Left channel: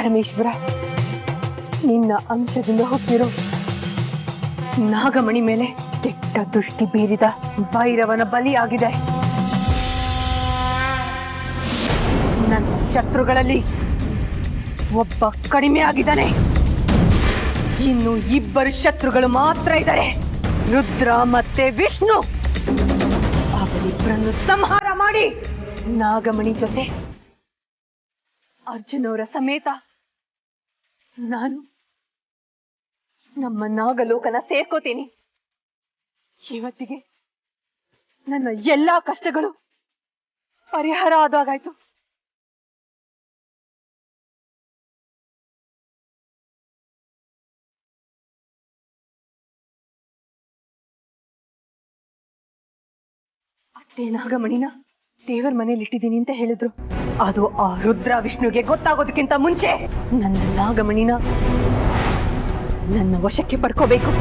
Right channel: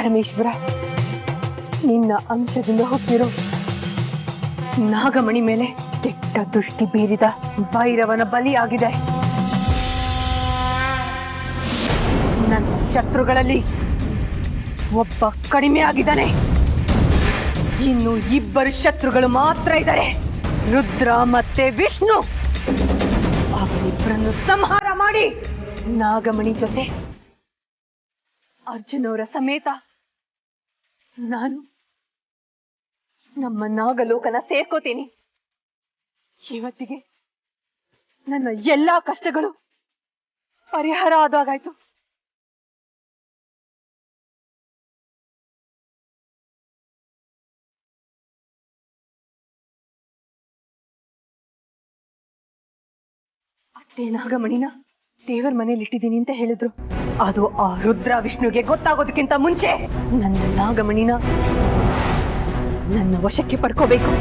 ಪರಮೇಶ್ವರ, ನಿನ್ನ ಅಂಶದಿಂದ ಹುಟ್ಟಿರೋ ನಾಗಮಣಿ ಮೇಲೆ ಕೆಟ್ಟ ದೃಷ್ಟಿ ಬೀರಿದ ಭೈರವನ ಬಲಿಯಾಗಿದೆ. ನನ್ನ ಶತ್ರುಗಳಲ್ಲಿ ಒಬ್ಬ ಕಡಿಮೆ ಆಗಿದ್ದಾನೆ. ಇನ್ನು ಇಬ್ಬರು ಶತ್ರುಗಳು ಮಾತ್ರ ಇದ್ದಾರೆ, ರುದ್ರ ಮತ್ತೆ ವಿಷ್ಣು. ಅವರಿಬ್ಬರನ್ನು ಸಂಹಾರ ಮಾಡಿ ನಾಗಮಣಿ ಜೊತೆ ಅರ್ಜುನವರ ಸಮೇತ ನಾನು ನಮ್ಮ ನಾಗಲೋಕನ ಸೇರ್ಕೋತೀನಿ. ಇವತ್ತಿಗೆ ನನ್ನ ಎಲ್ಲಾ ಕಷ್ಟಗಳು ಪರಿಹಾರ ಆದಾಗಾಯ್ತು. ಅತ್ತೆ ನಾಗಮಣಿನ ದೇವರ ಮನೇಲಿ ಇಟ್ಟಿದ್ದೀನಿ ಅಂತ ಹೇಳಿದ್ರು. ಅದು ಆ ರುದ್ರ ವಿಷ್ಣುಗೆ ಗೊತ್ತಾಗೋದಕ್ಕಿಂತ ಮುಂಚೆ ನನ್ನ ನಾಗಮಣಿನ ನನ್ನ ವಶಕ್ಕೆ ಪಡ್ಕೋಬೇಕು.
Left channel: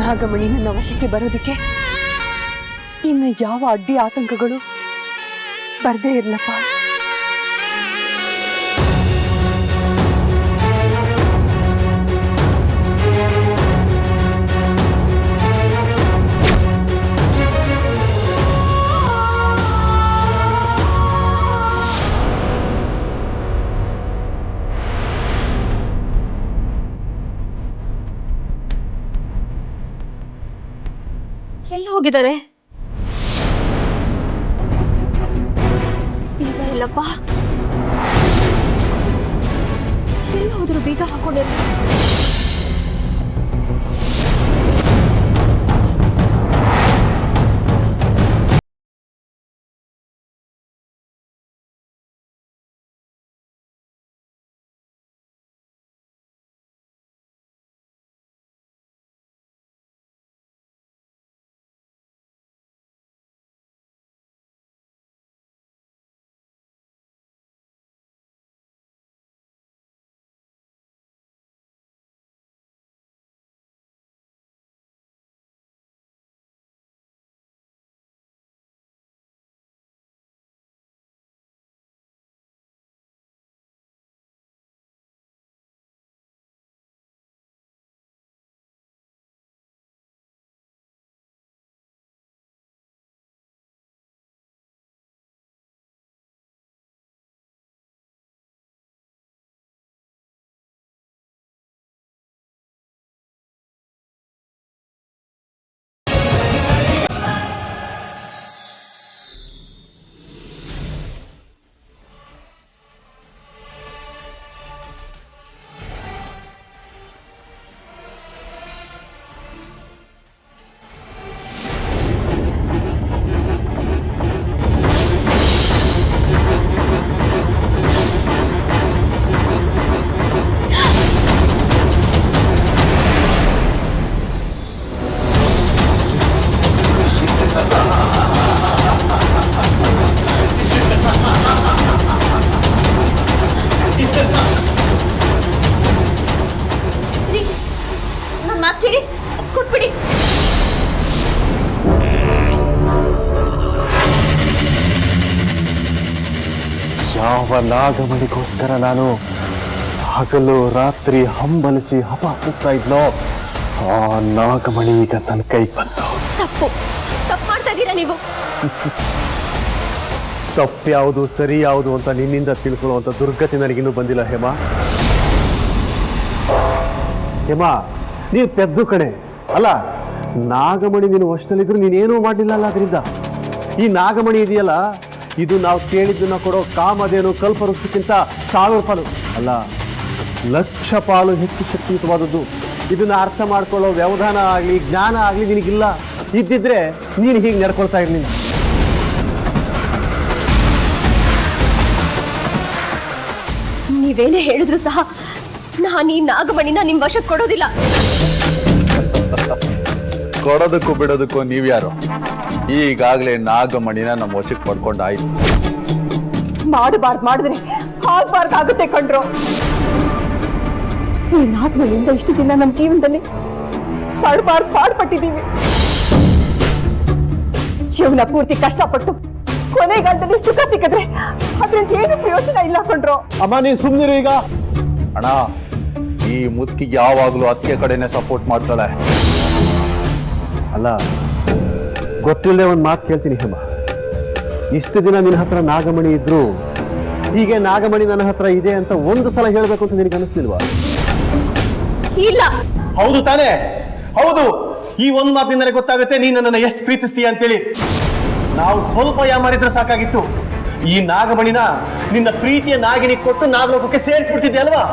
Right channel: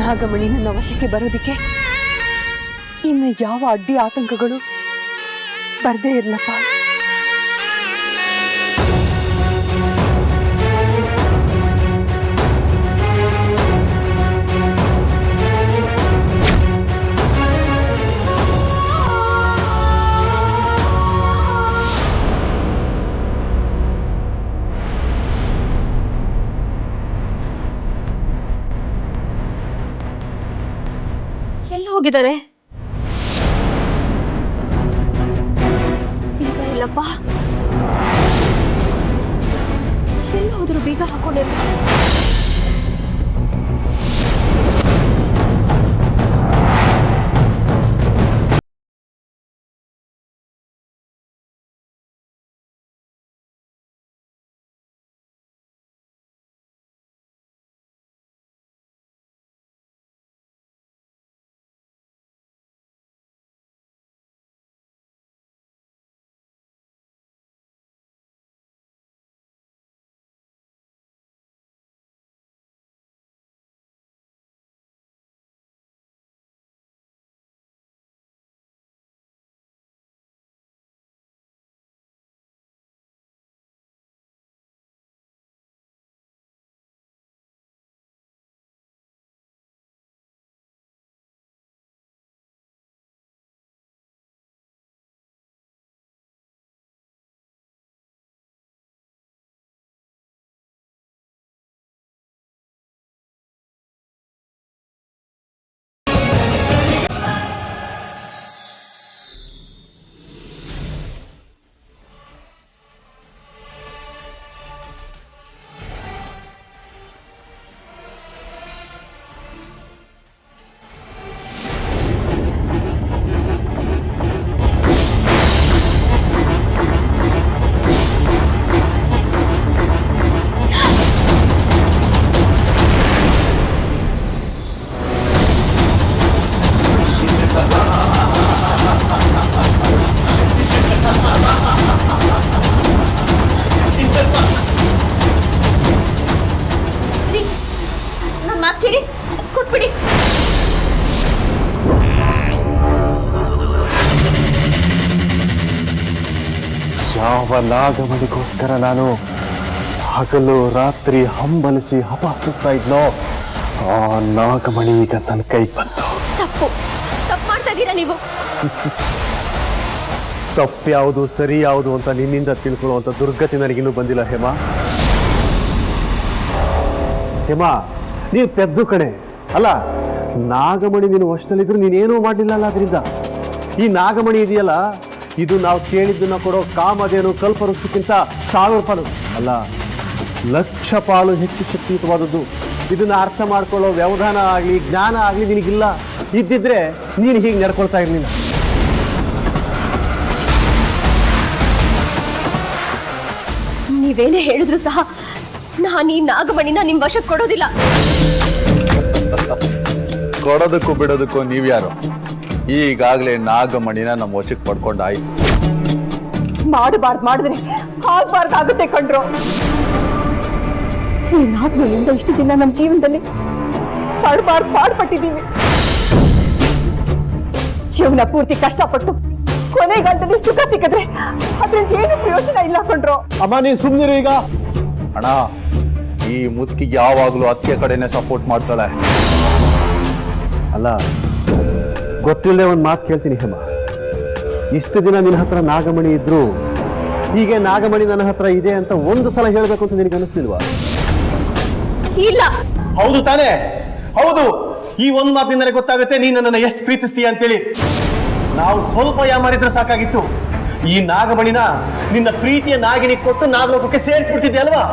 ನಾಗಮಣಿ ನನ್ನ ವಶಕ್ಕೆ ಬರೋದಕ್ಕೆ ಇನ್ನು ಯಾವ ಅಡ್ಡಿ ಆತಂಕಗಳು ಬರ್ದೇ ಇರ್ಲಪ್ಪ. ಎಲ್ಲಿ ಹೋಗಿದ್ದಾರೆ? ಬೀಗ ಇಲ್ಲಪ್ಪ. ಎಲ್ಲಿ ಹೋದ್ರು? ಬೀಗ ಹಾಕೊಂಡಿಲ್ಲ. ನನ್ನ ಮಾತು ಕೇಳಿ ಕೊಟ್ಬಿಡಿ. ಯಾವ ನಾಗಮಣಿಗೋಸ್ಕರ ನಾನು ಹಗಲು ರಾತ್ರಿ ಹಂಬಲಿಸಿ ಹಪಾಪಿಸ್ತಾ ಇದ್ನೋ ಆ ನಾಗಮಣಿ ಈಗ ನನ್ನ ಕೈಗೆ ಬಂತು. ತಪ್ಪು ಮಾಡ್ತಾ ಇದ್ದೀರಾ ನೀವು. ತಪ್ಪು ಯಾವುದು ಸರಿ ಯಾವುದು ಅಂತ ನಿನ್ನಿಂದ ತಿಳ್ಕೊಳ್ಳುವಂತ ದುರ್ಗತಿ ನನಗಿನ್ನೂ ಬಂದಿಲ್ಲ ಹೇಮಾ. ಹೇಮಾ, ನೀನು ಪೆದ್ದು ಕಣೆ. ಅಲ್ಲ, ನಾಗಮಣಿ ನೀನು ವಶದಲ್ಲಿದ್ರು ನೀನೇನೂ ಮಾಡಲಿಲ್ಲ ಅಲ್ಲ. ಅದರಿಂದ ಈ ನಾಗಮಣಿ ಇದೆಯಲ್ಲ, ಇದು ನಾವು ಕೇಳಿದ್ದನ್ನ ಕೊಡೋ ಕಾಮಧೇನು ಕಲ್ಪವೃಕ್ಷಕ್ಕಿಂತ 1000 ಪಾಲು ಅಲ್ಲ, 1,00,000 ಪಾಲು ಹೆಚ್ಚು ಶಕ್ತಿಯುತವಾದದ್ದು. ಇದನ್ನ ಅರ್ಥ ಮಾಡ್ಕೊಳ್ಳೋ ವ್ಯವಧಾನ ಆಗಲಿ ಜ್ಞಾನ ಆಗಲಿ ನಿನಗಿಲ್ಲ. ಇದ್ದಿದ್ರೆ ನೀನು ಹೀಗೆ ನಡ್ಕೊಳ್ತಾ ಇರಲಿಲ್ಲ. ನೀವೇನೇ ಹೇಳಿದ್ರು ಸಹ ನಾನು ಈ ನಾಗಮಣಿನ ನಿಮ್ ವಶಕ್ಕೆ ಕೊಡೋದಿಲ್ಲ. ಕೊಡೋದಕ್ಕೂ ಬಿಡೋದಕ್ಕೂ ನೀವ್ಯಾರು? ಈಗಾಗಲೇ ನಾಗಮಣಿನ ನಮ್ಮ ವಶಕ್ಕೆ ಪಡ್ಕೊಂಡಾಯ್ತು. ಮಾಡಬಾರ್ದು ಮಾಡಿದ್ರೆ ಆಗ್ಬಾರ್ದಾಗುತ್ತೆ ಕಣ್ರು. ಈ ನಾಗಮಣಿಯಿಂದ ಇಷ್ಟು ದಿನ ನಮ್ಮ ಜೀವನದಲ್ಲಿ ಪಾಡ್ಪಟ್ಟಿದ್ದೀವಿ. ಜೀವನ ಪೂರ್ತಿ ಕಷ್ಟಪಟ್ಟು ಕೊನೆಗಾಲದಲ್ಲಿ ಸುಖ ಸಿಕ್ಕಿದ್ರೆ ಅದ್ರಿಂದ ಏನು ಪ್ರಯೋಜನ ಇಲ್ಲ ಕೊಂಡ್ರು. ಅಮ್ಮ ನೀನ್ ಸುಮ್ನಿರು ಈಗ. ಅಣ್ಣ, ಈ ಮುದುಕಿಗೆ ಯಾವಾಗ್ಲೂ ಅತ್ತಿಗೆ ಕಡೆನೆ ಸಪೋರ್ಟ್ ಮಾಡ್ತಾಳೆ. ಅಲ್ಲ, ಗೊತ್ತಿಲ್ಲದೆ ಒಂದು ಮಾತು ಕೇಳ್ತೀನಿ ಹೇಮ. ಇಷ್ಟು ದಿನ ನಿನ್ನ ಹತ್ರ ನಾಗಮಣಿ ಇದ್ರು, ಹೀಗೆ ನಾಗಮಣಿ ನನ್ನ ಹತ್ರ ಇದೆ ಅಂತ ಒಂದು ಸಲ ಹೇಳ್ಬೇಕು ಅಂತ ನಿನಗೆ ಅನಿಸ್ಲಿಲ್ವಾ? ಇಲ್ಲ. ಹೌದು ತಾನೇ? ಹೌದು. ಈ ಒಂದು ಮಾತಿನಿಂದ ನನಗೆ ಗೊತ್ತಾಗುತ್ತೆ ನೀನು ನನ್ನನ್ನು ಎಷ್ಟು ಪ್ರೀತಿಸ್ತೀಯ ಅಂತೇಳಿ. ನಾವು ಸ್ವಲ್ಪ ಯಾಮಾರಿದ್ರೆ ಸಾಕಾಗಿತ್ತು. ಈ ನಾಗಮಣಿನ ನಿನ್ನ ಪ್ರೀತಿಯ ನಾಗಿನಿ ಕೊಟ್ಟು ನಾಗಲೋಕಕ್ಕೆ ಸೇರಿಸ್ಬಿಡ್ತಿದ್ದೆ ಅಲ್ವಾ?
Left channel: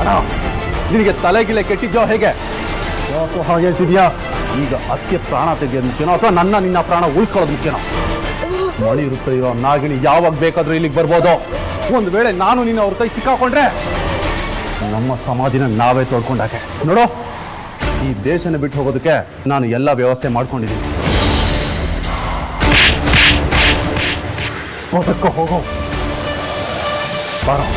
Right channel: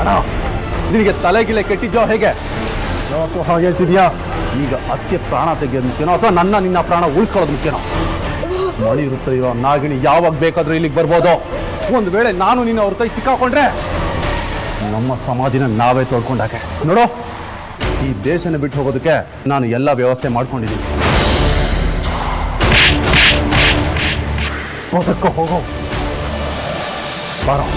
ಅಣ್ಣ, ನಿನಗೆ ತಲೆಗಿಲೆ ಕೆಟ್ಟಿದ್ಯೋ ಹೇಗೆ? ಹಾಗೆ ಹೇಳ್ತಿದ್ಯಾ? ಈಗ ಅತ್ತೆ ಪ್ರಾಣ ತೆಗೆಯೋದು ಮುಖ್ಯನೋ ಅಥವಾ ನಿನ್ನ ಪ್ರಾಣ ಉಳಿಸ್ಕೊಳ್ಳೋದು ಮುಖ್ಯನೋ? ಮಣಿ ಇರುತ್ತೆ ಇರೋ ನಾಗಿಣಿ ಯಾವಾಗ ಬೇಕಾದ್ರೂ ಇಲ್ಲಿಗೆ ಬರ್ಬೋದು. ಒಂದು ವೇಳೆ ನಾನು ನಿನ್ನ ಅವ್ರ ಕೈ ಸಿಕ್ಕಾಕೊಂಡ್ರೆ ನಮ್ಮ ಸಮಾಧಿನ ನಾವೇ ತೋಡ್ಕೊಂಡಾಗೆ. ನೋಡು, ಈ ದೇಶನ ಬಿಟ್ಟು ಹೋಗೋದಕ್ಕೆ ನಾನು ಎಲ್ಲ ವ್ಯವಸ್ಥೆ ಮಾಡ್ಕೊಂಡಿದ್ದೀನಿ. ಬದುಕೋ ಹೋಗೋ ಬಾರೋ.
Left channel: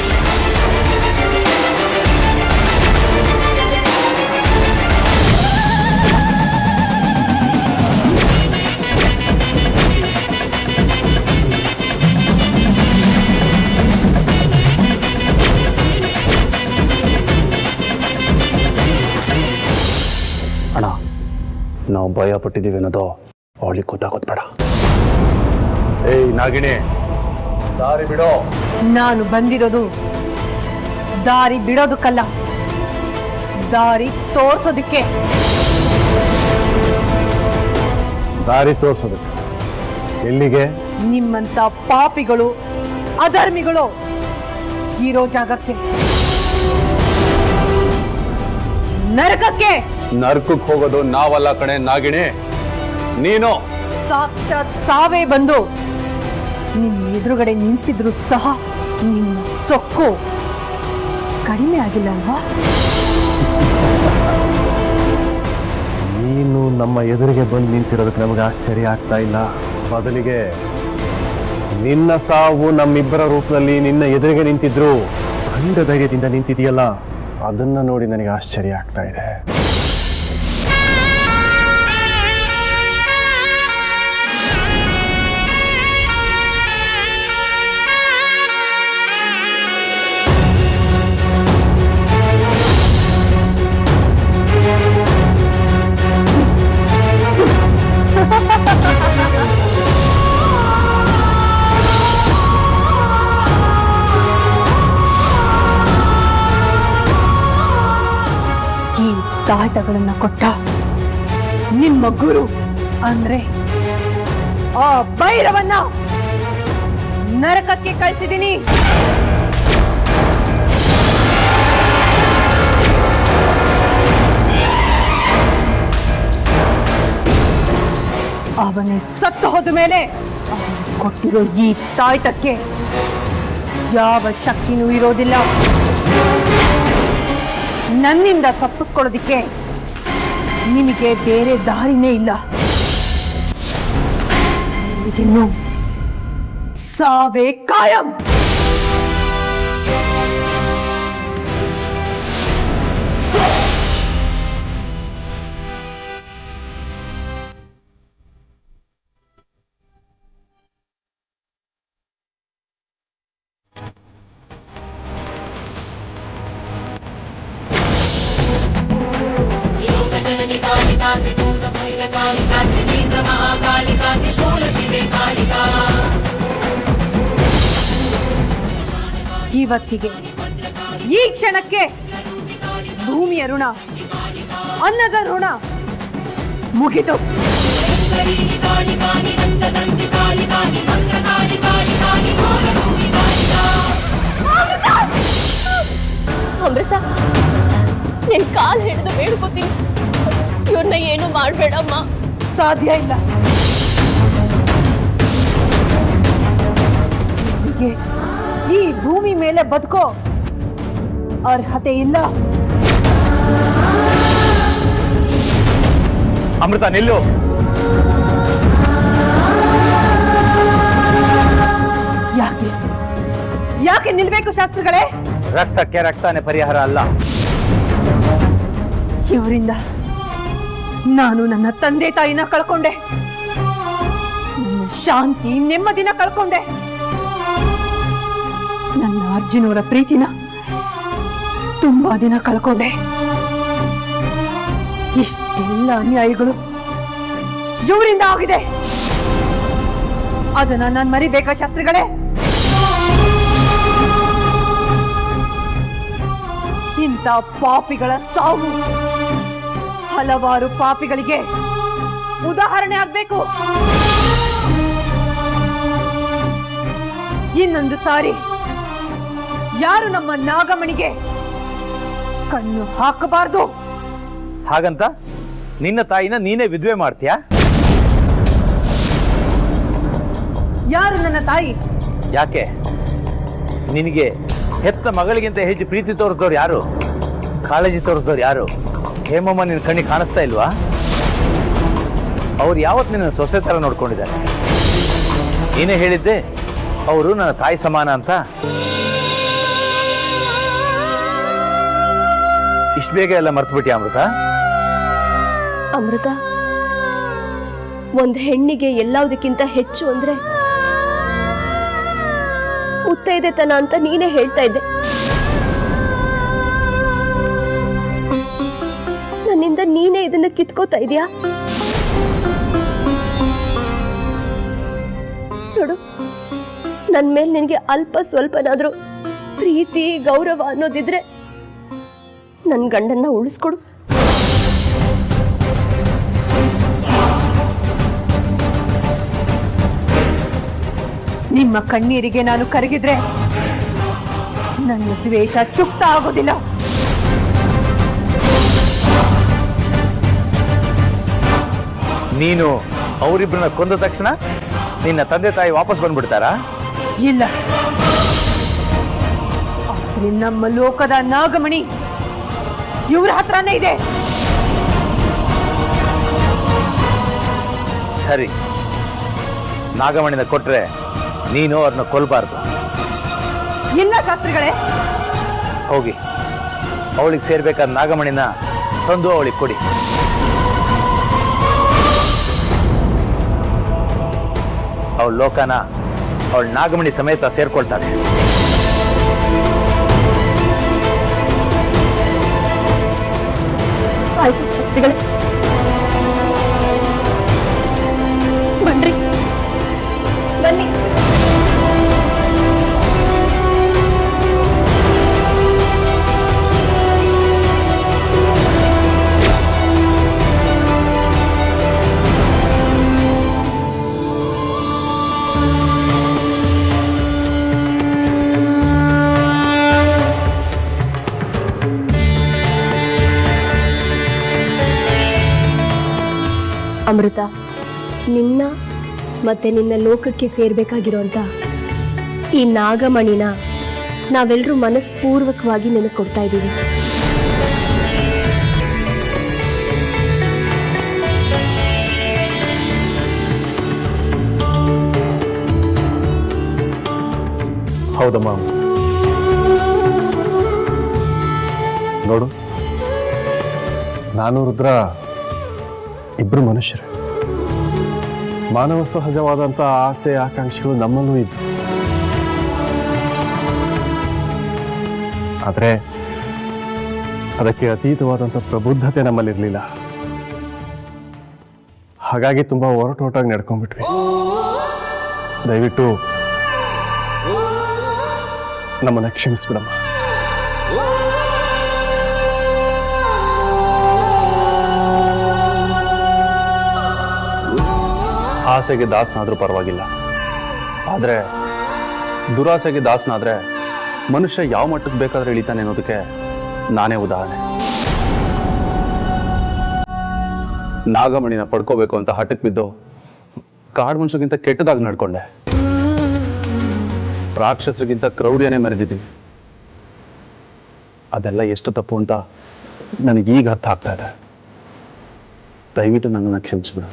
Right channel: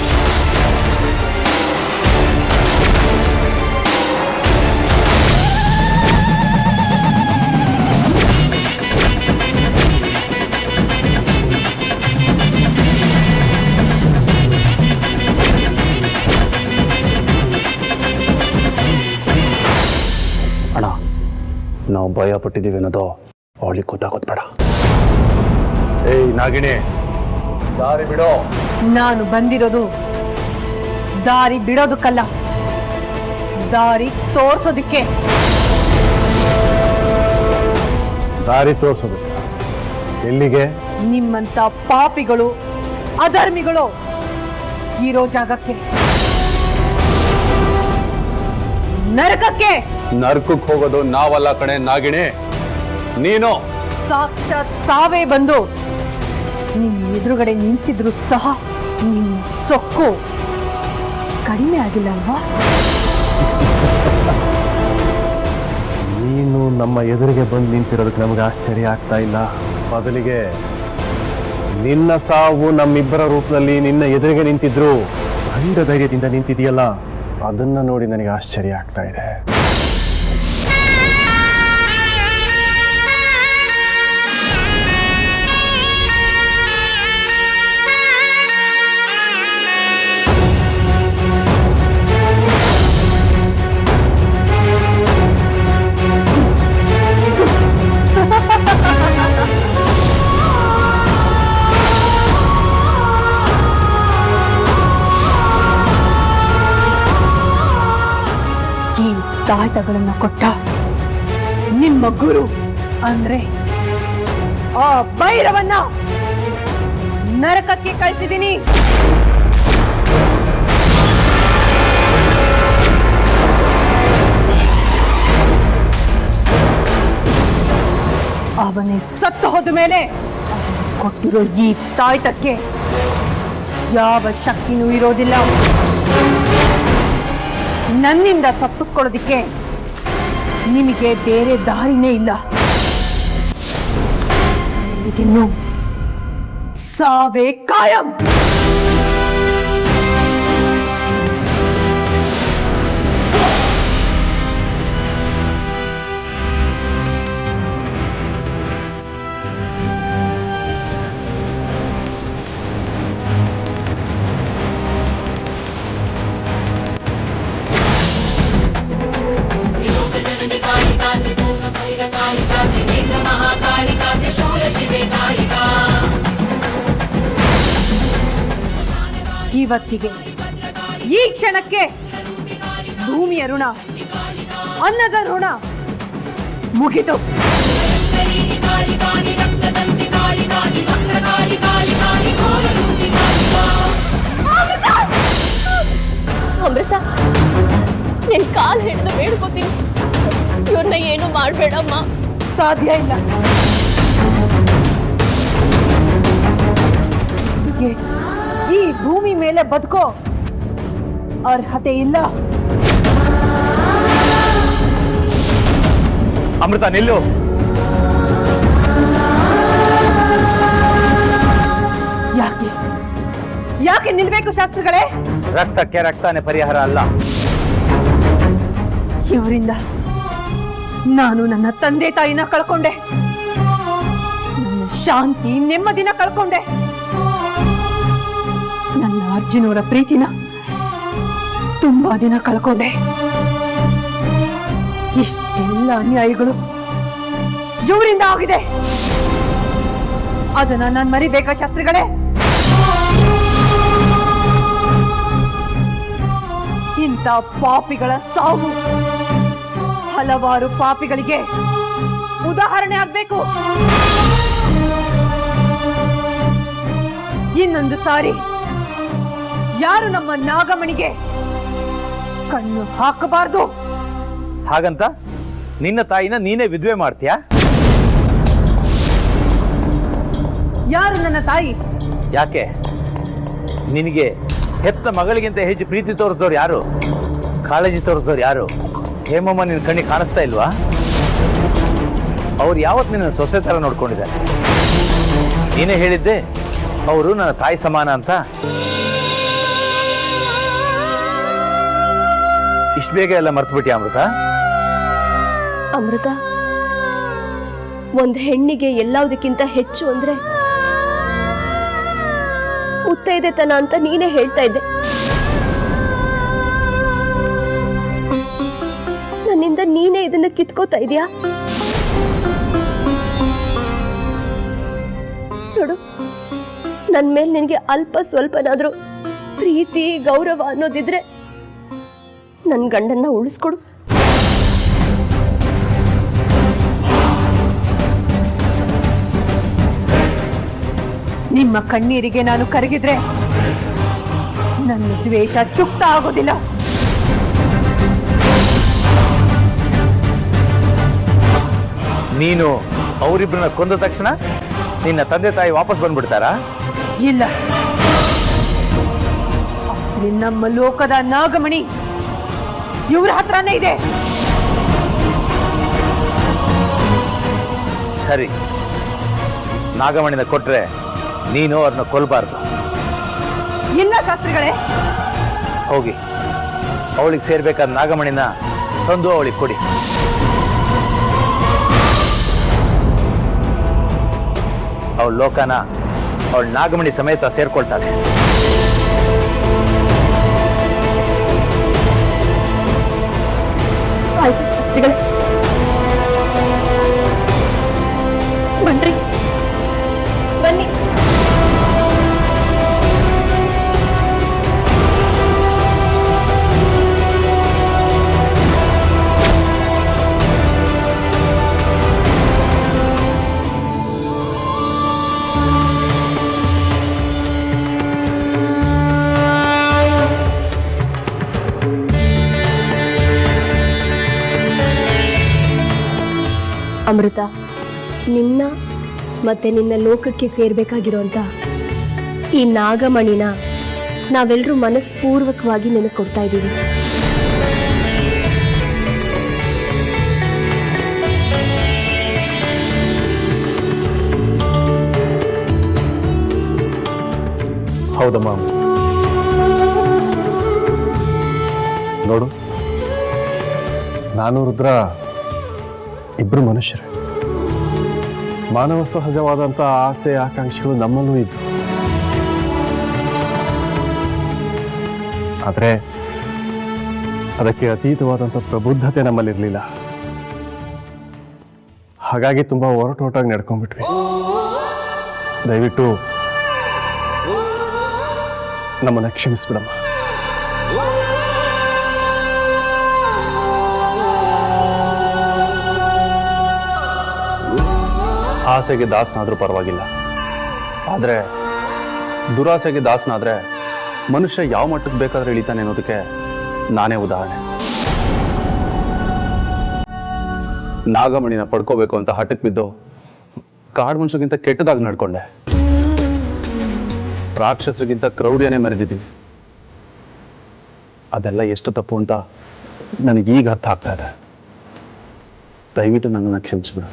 ಅಣ್ಣ, ನಾವು ಭಯ ಪಟ್ಟಿದ್ದೀವಿ ಅನ್ನೋದು ಅವಳಿಗೆ ಗೊತ್ತಾಗೋದು ಬೇಡ. ಏಯ್ ನಾಗಿಣಿ, ದಾರಿ ಬಿಡೋ. ನಾನು ಬಂದಿರೋದು ದಾರಿ ಬಿಡೋದಕ್ಕಲ್ಲ, ದಾರಿ ತೋರ್ಸೋದಕ್ಕೆ. ದಾರಿ ತೋರಿಸೋದಕ್ಕೆ? ಎಲ್ಲಿಗೆ? ನಿಮ್ಮಂತ ಪಾಪಿಗಳು, ಅಧರ್ಮಿಗಳು ಇರೋ ಜಾಗಕ್ಕೆ, ನರಕಕ್ಕೆ. ನರ್ಕಕ್ಕೆ ಹೋಗೋದು ನಾವಲ್ಲ ಕಣೆ ನಾಗಿಣಿ, ನೀನು. ಸಾಕ್ಷಾತ್ ಸಾವೇ ಬಂದು ನಿಮ್ ಎದುರುಗಡೆ ನಿಂತಿದ್ರು ಸಹ ನಿಮ್ಮ ಸೊಕ್ಕು ಕಡಿಮೆ ಆಗಿಲ್ಲ ಅಲ್ವಾ? ನೀನು ನಮ್ಮ ಎದುರಿಗೆ ಬಂದು ನಿಂತಿರೋದಕ್ಕೆ ನಮಗೆ ಆಶ್ಚರ್ಯ ಆಗ್ತಾ ಇಲ್ಲ. ಬದಲಿಗೆ ನಿನ್ನ ಸಾವು ನಮ್ಮಿಬ್ಬರ ರೂಪದಲ್ಲಿ ನಿನ್ನ ಎದುರಿಗೆ ನಿಂತಿದ್ರು ಗಂಡ ಧೈರ್ಯದಿಂದ ನಿಂತಿದೆಯಲ್ಲ, ಅದನ್ನ ನೋಡಿ ನನಗೆ ಆಶ್ಚರ್ಯ ಆಗ್ತಾ ಇದೆ. ಈ ತಾಯ್ತಗಳನ್ನ ಕೊಟ್ಟ ನಿಮ್ಮ ಗುರು ಅಂದ್ರೆ ಆ ಭೈರವನ್ನ ನರಕಕ್ಕೆ ಕಳ್ಸಿದೀನಿ. ಅವನೇ ಸತ್ತು ಹೋದ ಮೇಲೆ ಅವನು ಕೊಟ್ಟಿರೋ ಈ ತಾಯ್ತಕ್ಕೆ ಯಾವ ಶಕ್ತಿನೂ ಇರೋದಿಲ್ಲ. ನನ್ನಿಂದ ತಪ್ಪಿಸ್ಕೊಳ್ಳೋದಿಕ್ಕೆ ನಿಮಗೆ ಬೇರೆ ದಾರಿನೇ ಇಲ್ಲ. ನಿಮಗಿನ್ನು ಸಾವೇ ಕಾಯಂ. ಇವತ್ತಿಗೆ ಈ ಕ್ಷಣಕ್ಕೆ ಭೂಮಿಯ ಋಣ, ಅನ್ನದ ಋಣ ಮುಗಿತು. ಅಮೃತ, ನಿನ್ ಕಾಲ್ ಹಿಡಿದು ಬೇಡ್ಕೋತೀನಿ, ಇವ್ರನ್ನ ಏನು ಮಾಡ್ಬೇಡಮ್ಮ. ಸಾಧ್ಯ ಇಲ್ಲ. ನಿಮಗೆ ಈ ಭೂಮಿ ಮೇಲೆ ಬದುಕೋ ಅರ್ಹತೆ ಇಲ್ಲ. ಅಮೃತ ನಿಲ್ಲು. ಯಾಕೆ ಯಾಕೆ ನಿಲ್ಬೇಕು ಶಾಸ್ತ್ರಿಗಳೇ? ರಕ್ತಕ್ಕೆ ರಕ್ತನೇ ಪರಿಹಾರ ಅಲ್ಲ. ಇವರಿಂದ ನಾನು ನನ್ನ ತಂದೆ ತಾಯಿನ ಕಳ್ಕೊಂಡೆ, ನನ್ನ ಶಾಂತಿ ನೆಮ್ಮದಿನ ಕಳ್ಕೊಂಡೆ, ನನ್ನ ಅರ್ಜುನವರ ಪ್ರೀತಿನ ತುಂಬಾ ದಿನ ಕಳ್ಕೊಂಡೆ. ಇಷ್ಟೆಲ್ಲ ಅನ್ಯಾಯಗಳು ಇವರಿಂದ ಆಗಿದೆ. ಅದನ್ನ ನಾನು ಮರಿಬೇಕಾ ಶಾಸ್ತ್ರಿಗಳೇ? ಇಂಥ ಪಾಪಿಗಳ ಸಾವು ಹಲವಾರು ಪಾಪಿಗಳಿಗೆ ಉದಾಹರಣೆ ಆಗ್ಬೇಕು. ಇನ್ನೊಂದು ಸಾರಿ ಯಾರು ನಮ್ಮ ನಾಗಮಣಿಗೆ ಕಣ್ಣು ಹಾಕಬಾರ್ದು. ಹಾಗಂತ ನಿನ್ನ ತಾಯಿನ ನೀನೇ ವಿಧವೆ ಮಾಡ್ತೀಯಾ? ಯಾರು ನನ್ನ ತಾಯಿ? ಯಾಕೆ ನಿನಗೆ ಹೆತ್ತ ಮಗಳಿಗಿಂತ ಹೆಚ್ಚು ಪ್ರೀತಿ ತೋರಿಸಿದವ್ರು ಯಾರು? ಕಾಳಜಿ ತೋರಿಸಿದವ್ರು ಯಾರು? ಹೇಮಮ್ಮ ನಿನ್ನ ಕಣ್ಣಿಗೆ ಕಾಣಿಸ್ತಾ ಇಲ್ವಾ? ಅವ್ರು ಯಾವತ್ತು ನಿನ್ನ ಸೊಸೆ ಥರ ನೋಡ್ಕೊಂಡಿದ್ದಾರೆ. ನೀನೇ ಹೇಳಿದ್ದೆ ಅವರು ನನ್ನ ತಾಯಿ ಸಮಾನ ಅಂತ. ಇಷ್ಟು ಬೇಗ ಎಲ್ಲ ಮರ್ತ್ಬಿಟ್ಟಿ ಅಮೃತ? ಅಮೃತ, ಒಂದು ಹೆಣ್ಣಿಗೆ ಎಲ್ಲದಕ್ಕಿಂತ ಹೆಚ್ಚು ಅಂದ್ರೆ ಮುತ್ತೈದೆತನ ಅಂತ ನೀನೇ ಹೇಳ್ತಾ ಇದ್ದೆ. ನನ್ನಿಂದ ನೀನೇ ಇದನ್ನ ಕಿತ್ಕೋತಾ ಇದೀಯಾ? ನೋಡು, ನನ್ನ ಮೇಲೆ ನಿನಗೆ ಅಲ್ಪ ಸ್ವಲ್ಪನಾದ್ರೂ ಪ್ರೀತಿ ಗೌರವ ಅನ್ನೋದಿದ್ರೆ ನನ್ನ ಗಂಡನ್ನ ಉಳಿಸ್ಕೊಡು. ನಿಮ್ಮ ಕಣ್ಣೀರಿಗೆ ನಾನು ಕರಗಿದ್ರೆ ನನ್ನ ದ್ವೇಷ ಚುಕ್ತ ಆಗೋದಿಲ್ಲ. ನೀನು ಅವರಿಬ್ಬರನ್ನ ಕೊಂದ ತಕ್ಷಣ ನಿನ್ನ ತಂದೆ ತಾಯಿ ವಾಪಸ್ ಬಂದ್ಬಿಡ್ತಾರಾ? ಇಲ್ಲ, ಆದ್ರೆ ನಮ್ಮ ಲೋಕದ ನಾಗಮಣಿ ಇವ್ರ ಹತ್ರನೇ ಇದೆ. ಸರಿ, ನಾಗಮಣಿನ ಕೊಟ್ರೆ ನೀನು ಅವ್ರನ್ನ ಕೊಲ್ಬಾರ್ದು. ಇಲ್ಲ ಶಾಸ್ತ್ರಿಗಳೇ, ಹೋಗಿ ಅವಳಿಗೆ ಸೇರ್ಬೇಕಾದ ನಾಗಮಣಿನ ತಂದು ಅವಳಿಗೆ ಕೊಡಿ. ಅವಳ ಲೋಕನ ಅವಳ ನಾಗಮಣಿ ಸಮೇತ ಸೇರ್ಕೊಳ್ತಾಳೆ. ಆಯ್ತು ಶಾಸ್ತ್ರಿಗಳೇ, ಬನ್ರಿ, ಬನ್ನಿ. ಅಮೃತ, ನಿನ್ನ ಮತ್ತೆ ನಿನ್ನ ಲೋಕಕ್ಕೆ ಸೇರ್ಬೇಕಾಗಿರೋಂಥ ಈ ನಾಗಮಣಿನ ನಾವೆಲ್ಲರೂ ಮನಸ್ಪೂರ್ವಕವಾಗಿ ನಿನಗೆ ಕೊಡ್ತಾ ಇದ್ದೀವಿ. ಹೌದಮ್ಮ. ನೋಡು, ನಾನು ರುದ್ರ ಇಬ್ರು ಮನುಷ್ಯರೇ. ಮಾನವ ಸಹಜವಾದಂಥ ಆಸೆ ಆಕಾಂಕ್ಷೆಗಳು ನಮ್ಮಲ್ಲೂ ಇದ್ದು, ಆದರೆ ಅದಕ್ಕೆ ಅತೀತವಾದಂಥ ಪ್ರಬುದ್ಧತೆ ನಮ್ಮಲ್ಲಿರಲಿಲ್ಲ. ಹಾಗಾಗಿ ತುಂಬ ಹೊರಟೋಟಾಗಿ ನಡ್ಕೊಂಡ್ಬಿಟ್ವಿ. ದಯವಿಟ್ಟು ನಮ್ಮನ್ನ ಕ್ಷಮಿಸ್ಬಿಡಮ್ಮ. ಆಸೆಗೆ ದಾಸನಾದ್ರೂ ಪರವಾಗಿಲ್ಲ, ಆದರೆ ದುರಾಸೆಗೆ ದಾಸನಾದ್ರೆ ಮನುಷ್ಯ ಯಾವ ಮಟ್ಟಕ್ಕೆ ಬೇಕಾದ್ರೆ ಇಳಿತಾನೆ ಅನ್ನೋದಕ್ಕೆ ನಾನೇ ಉದಾಹರಣೆ. ನಾಗಮಣಿನ ಪಡ್ಕೋಬೇಕು ಅಂತ ಹಠಕ್ಕೆ ಬಿದ್ದು ಕಾಡು ಮನುಷ್ಯಗಿಂತ ಕೆಟ್ಟದಾಗಿ ನಡ್ಕೊಂಡೆ. ರಾಕ್ಷಸರಿಗಿಂತ ಕ್ರೌರ್ಯನೇ ಮೆರೆದಿದ್ದೀನಿ. ಅದೆಲ್ಲ ಎಷ್ಟು ತಪ್ಪು ಅಂತ ನನಗೀಗ ಅರ್ಥ ಆಗ್ತಾ ಇದೆ. ದಯವಿಟ್ಟು ನನ್ನನ್ನು ಕ್ಷಮಿಸ್ಬಿಡು.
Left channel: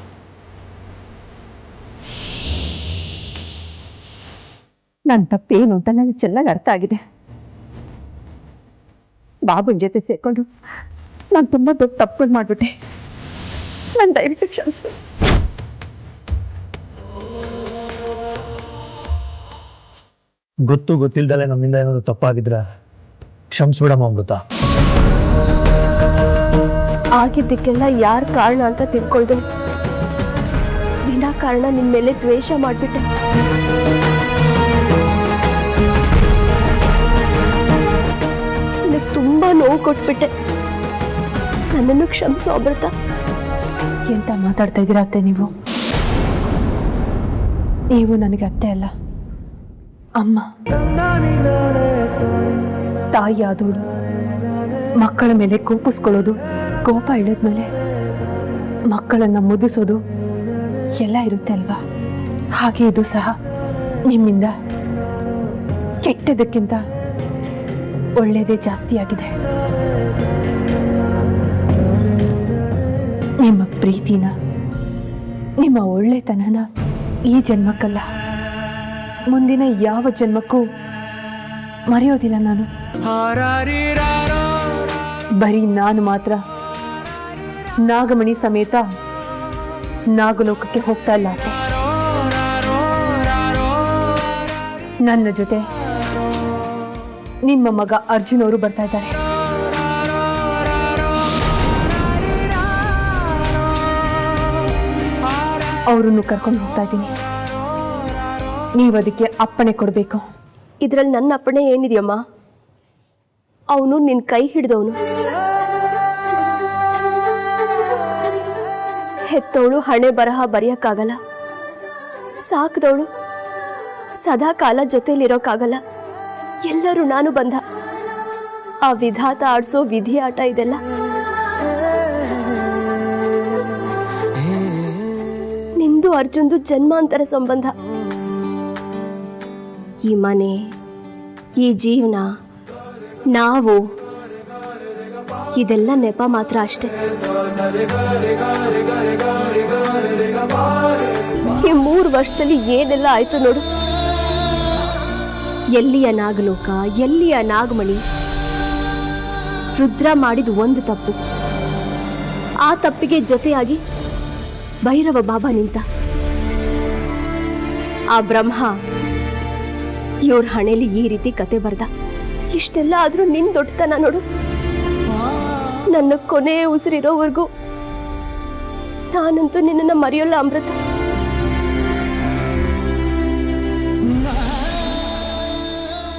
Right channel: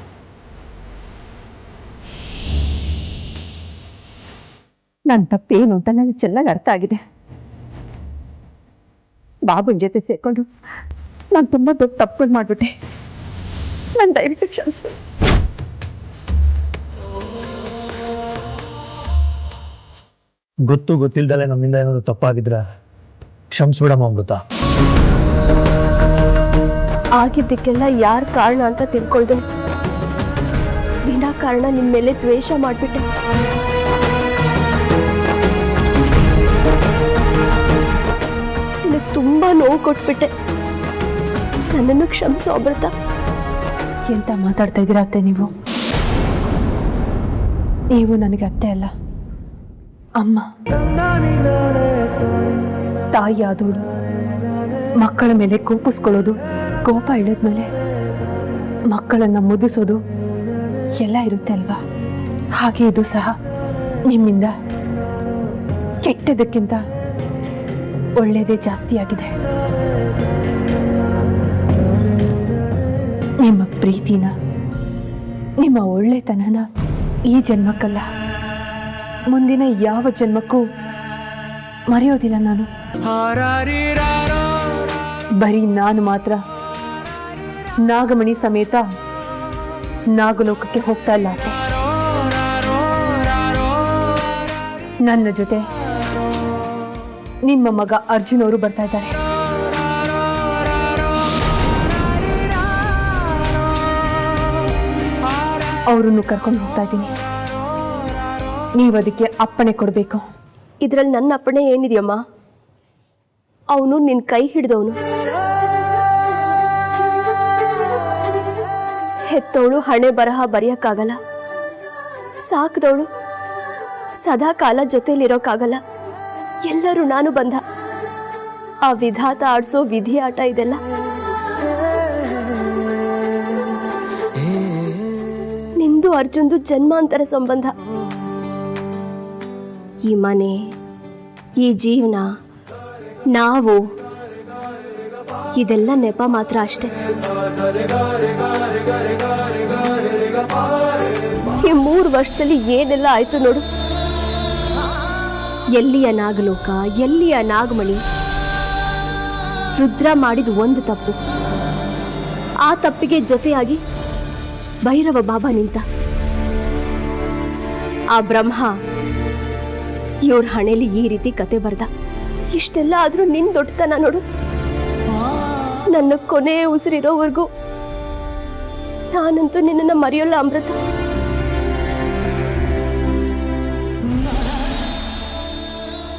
ನನ್ನ ತಪ್ಪೇನು ಅಂತ ನನಗೆ ಚೆನ್ನಾಗಿ ಅರ್ಥ ಆಗಿದೆ. ಬಾಬುನ ಜೊತೆ ಸೇರ್ಕೊಂಡು ನಾನು ತುಂಬಾ ದೊಡ್ಡ ತಪ್ಪುಗಳು ಮಾಡ್ಬಿಟ್ಟೆ. ನಾನು ದಯವಿಟ್ಟು ಕ್ಷಮಿಸು. ಗೊತ್ತು ಗೊತ್ತಿಲ್ದಲೆ ನಮ್ಮಿಂದ ಏನಾದ್ರು ತಪ್ಪಾಗಿದ್ರೆ ಕ್ಷಮಿಸ್ಬಿಡಮ್ಮ ಅಮೃತ. ಆಗಿದ್ದಕ್ಕೆಲ್ಲ ಯಾರ್ ಕಾರಣ ಅಂತ ತಿಳ್ಕೊಳ್ದೆ ವಿನಾಕಾರಣ ನಿನ್ ಮೇಲೆ ದ್ವೇಷ ಮಾಡ್ಬಿಟ್ಟೆ. ನಿನಗೆ ತುಂಬಾ ನೋವು ಕೊಟ್ಬಿಟ್ಟೆ. ನನ್ನನ್ನು ಕ್ಷಮಿಸೋ ಅಮೃತ. ಎಂತ ಮಾತಾಡ್ತಾ ಇದ್ದೀರಾ ಅತ್ತೆ ನೀವು? ನೀವು ನನಗೆ ಅತ್ತೆ ಅಲ್ಲ, ಅಮ್ಮ. ತಾಯಿ ಆದೋಳು ಮಕ್ಕಳ ಮೇಲೆ ಕೋಪಿಸ್ಕೊಳ್ಳೋದು, ಕೋಪ ಇಳಿದ್ಮೇಲೆ ಮಕ್ಕಳನ್ನ ಮುದಿಸೋದು ಎಲ್ಲ ಇರುತ್ತೆ ಅಲ್ವಾ? ಹಾಗೆ ಇದು ಸಹ ನಿಮ್ಮಿಂದ ಕೆಟ್ಟದಕ್ಕಿಂತ ಒಳ್ಳೆಯದೇ ಜಾಸ್ತಿ ಆಗಿದೆ. ನಿಮ್ಮ ಪ್ರೀತಿನ, ನಿಮ್ಮ ಒಳ್ಳೆತನನ ಈ ಜನ್ಮಕ್ಕಲ್ಲ, ಮುಂದಿನ ಯಾವ ಜನ್ಮಕ್ಕೂ ಮರೆಯೋದಿಲ್ಲ ನಾನು. ಬರೀ ನಾನು ಮಾತ್ರ ನಾಗಮಣಿ ಸಮೇತ ನಾಗಲೋಕಕ್ಕೆ ಹೋಗ್ತಾ ಇಲ್ಲ ಅತ್ತೆ. ನನ್ನ ಜೊತೆ ನಿಮ್ಮ ಮಗ ಅರ್ಜುನ್ ಅವರು ಬರ್ತಾ ಇದ್ದಾರೆ. ಅವರನ್ನು ಕರ್ಕೊಂಡು ಹೋಗ್ತಾ ಇದ್ದೀನಿ. ನೀವು ಅದಕ್ಕೆ ಅಪ್ಪಣೆ ಕೊಡಬೇಕು. ಇದ್ರಲ್ಲಿ ನನ್ನ ಅಪ್ಪಣೆ ಏನಿದೆಯಮ್ಮ? ಅವನು ನಿನ್ ಕೈ ಹಿಡಿದವನು. ಹೆತ್ತವಳು ಹಣೆ ಬರಹ ಬರೆಯಕ್ಕಾಗಲ್ಲ, ಸಾಕಿದವಳು ಸದಾ ಕಾಲ ಜೊತೆಲಿರೋಕ್ಕಾಗಲ್ಲ. ಎಲ್ಲರೂ ನಾನು ಬಂಧ. ಆ ವಿಧಾತ ಆಡ್ಸೋ ವಿಧಿ ಆಟ ಇದೆಲ್ಲ. ನಿಂದು ಅರ್ಜುನ್ದು ಜನ್ಮಾಂತರ ಸಂಬಂಧ. ಈ ಮನೆ, ಈ ಜೀವನ, ನಾವು, ಇದೆಲ್ಲ ನೆಪ ಮಾತ್ರ ಅಷ್ಟೆ. ಈ 3 ವರ್ಷದಲ್ಲಿ ಏನೆಲ್ಲ ಆಯ್ತು ನೋಡು. ಎಲ್ಲಿಯ ನಾಗಲೋಕ, ಎಲ್ಲಿಯ ನಾಗಮಣಿ. ರುದ್ರ ಮಾಡಿದ ಒಂದು ತಪ್ಪು, ಆ ತಪ್ಪಿಗೆ ಜೊತೆಯಾಗಿ ಭೈರವ ಬಾಬಾ ನಿಂತ. ಆ ಬ್ರಹ್ಮ ಇವ್ರ ಹಣೆಯಲ್ಲಿ ಈ ರೀತಿ ಕತೆ ಬರ್ದ. ಇಷ್ಟೆಲ್ಲ ಆದ್ರೂ ನಿನ್ ದೊಡ್ಡತನ ನೋಡು. ನನ್ನ ಕೊನೆ ಉಸಿರಿರೋವರೆಗೂ ನಾನಂತೂ ನಿನ್ನನ್ನು ಮರೆಯೋಲ್ಲ ಅಮೃತ.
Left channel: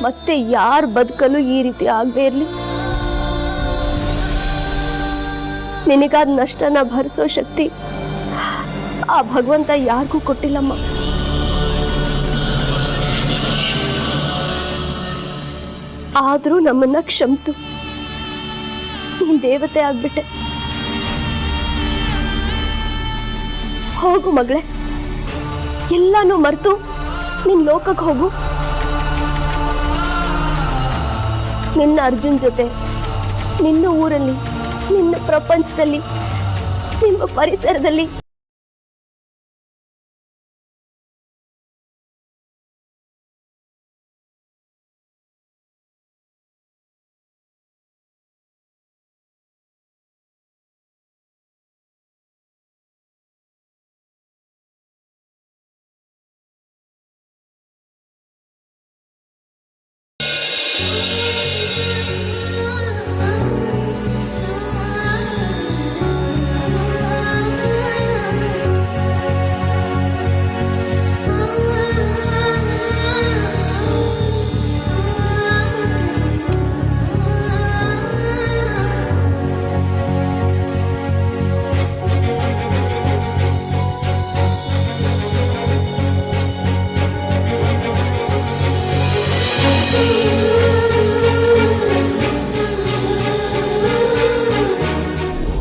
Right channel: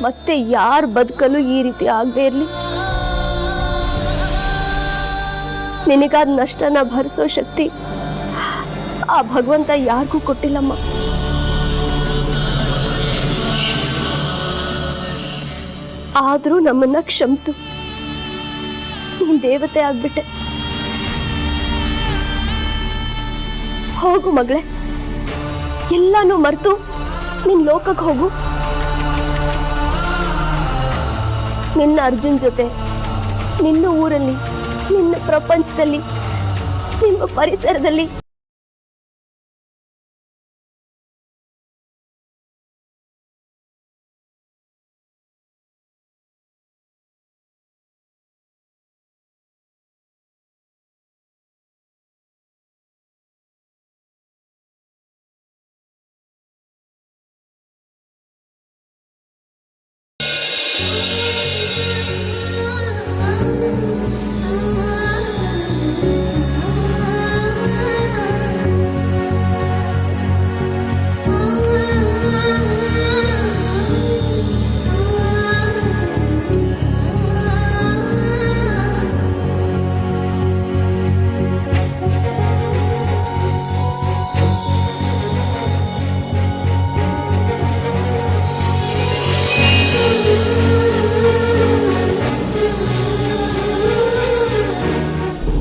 ಮತ್ತೆ ಯಾರ ಬದುಕಲು ಈ ರೀತಿ ಆಗದೆ ಇರ್ಲಿ. ನಿನಗಾದ ನಷ್ಟನ ಭರಿಸೋ ಶಕ್ತಿ ಆ ಭಗವಂತ ಯಾರಿಗೂ ಕೊಟ್ಟಿಲ್ಲಮ್ಮ. ಆದ್ರೂ ನಮ್ಮನ್ನ ಕ್ಷಮಿಸು. ನೀನ್ ದೇವತೆ ಆಗ್ಬಿಟ್ಟೆ. ಹೋಗು ಮಗಳೇ, ಎಲ್ಲಾನು ಮರೆತು ನಿನ್ ಲೋಕಕ್ಕೆ ಹೋಗು. ನಿನ್ನ ಅರ್ಜುನ್ ಜೊತೆ, ನಿನ್ನ ಊರಲ್ಲಿ, ನಿನ್ನ ಪ್ರಪಂಚದಲ್ಲಿ, ನಿಮ್ಮ ಪರಿಸರದಲ್ಲಿ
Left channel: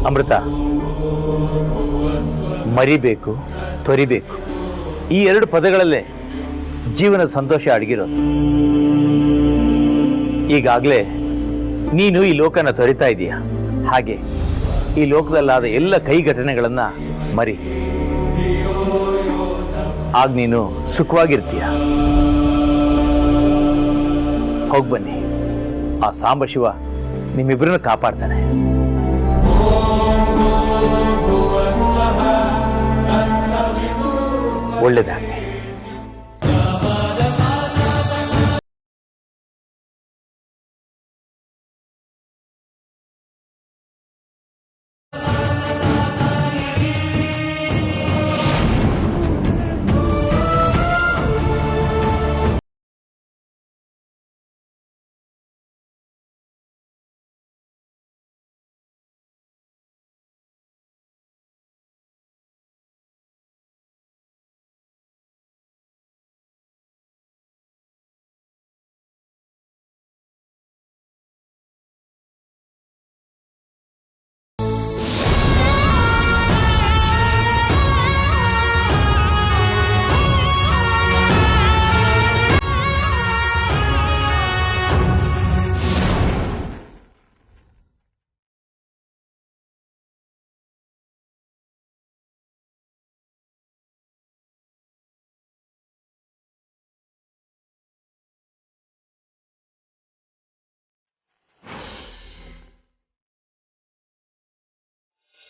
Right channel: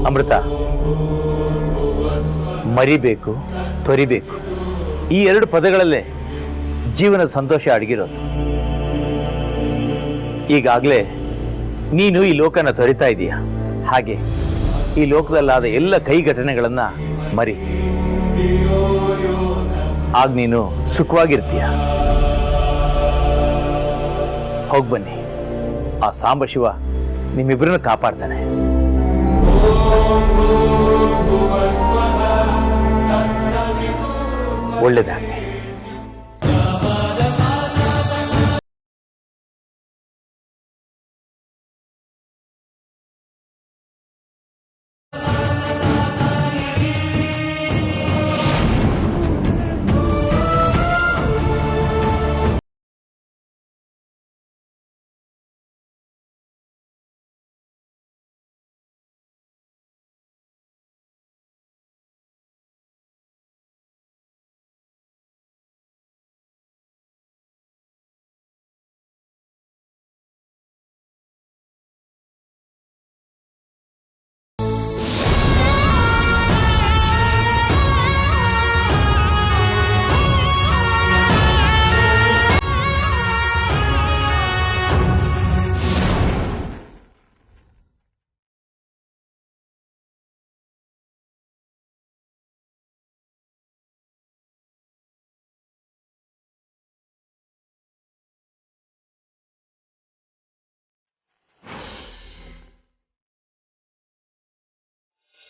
ಅಮೃತ, ಮರಿಬೇಕು, ತೊರಿಬೇಕು, ಈ 2 ಪದಗಳಲ್ಲೇ ಜೀವನ ಸಂತೋಷ ಅಡಗಿರೋದು. ಈಗಾಗಲೇ ನೀನು ಈ ಲೋಕನ ತೊರಿತಾ ಇದೀಯ. ಹಾಗೆ ಈ ಲೋಕದಲ್ಲಾದ ಎಲ್ಲ ಕೈ ಘಟನೆಗಳನ್ನ ಮರಿ. ಆಗ ನೀನು ಸುಖವಾಗಿರ್ತೀಯ. ಹೋಗಿ ಬನ್ನಿ, ಆ ಸಾಂಬಶಿವ ನಿಮ್ಮಿಬ್ಬರನ್ನ ಕಾಪಾಡ್ತಾನೆ. ಒಳ್ಳೇದಾಗಲಿ.